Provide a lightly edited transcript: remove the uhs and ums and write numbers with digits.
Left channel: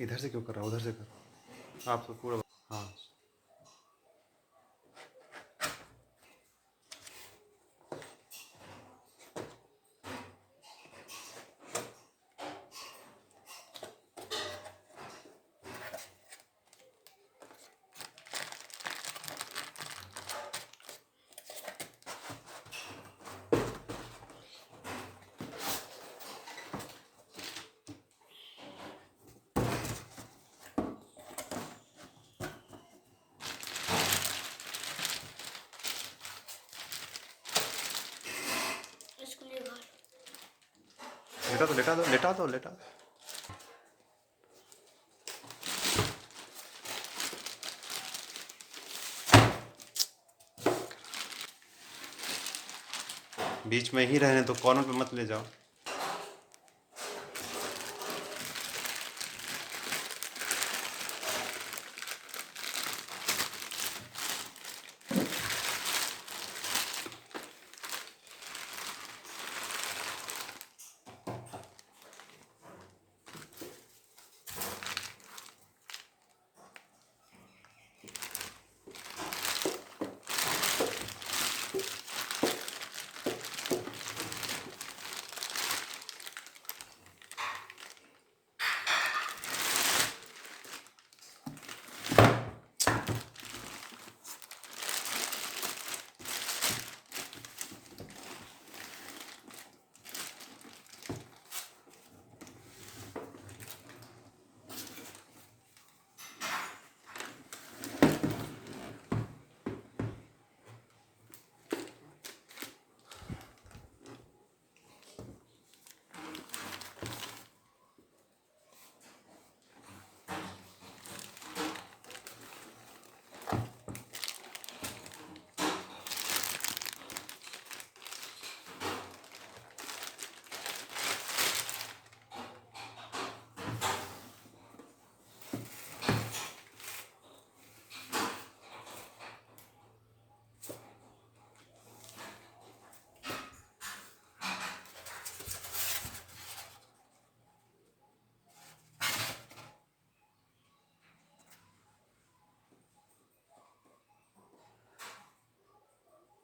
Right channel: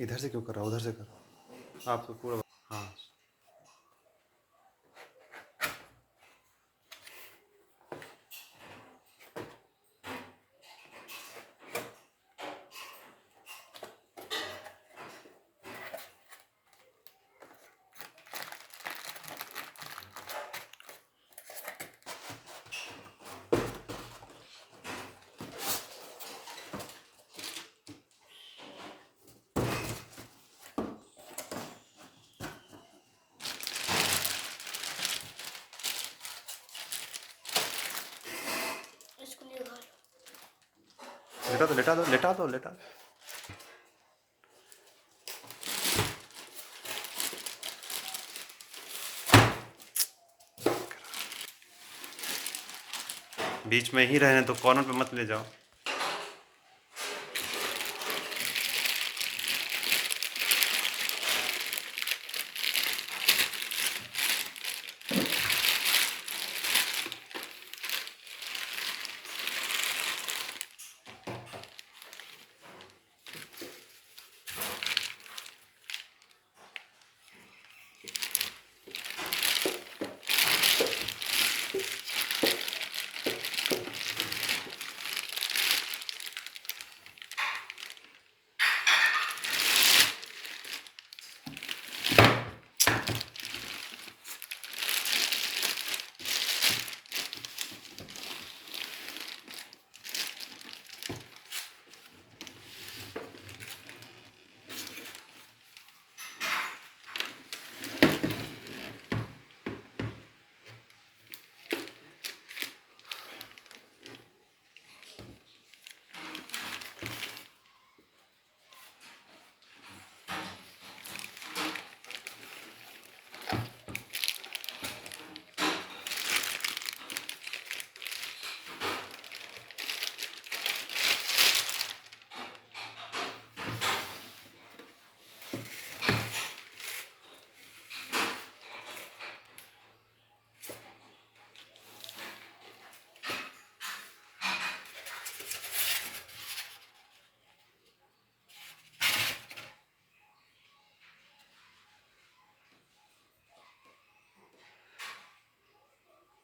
इधर से क्यों कर रहा, उधर से कर। आप तो पूरा, हाँ। इसको निकालो। लेटा दो, लेटा दो, लेटा दो, लेटा। बीच में ही रहने तो, कॉर्नर पे मत ले जाओ।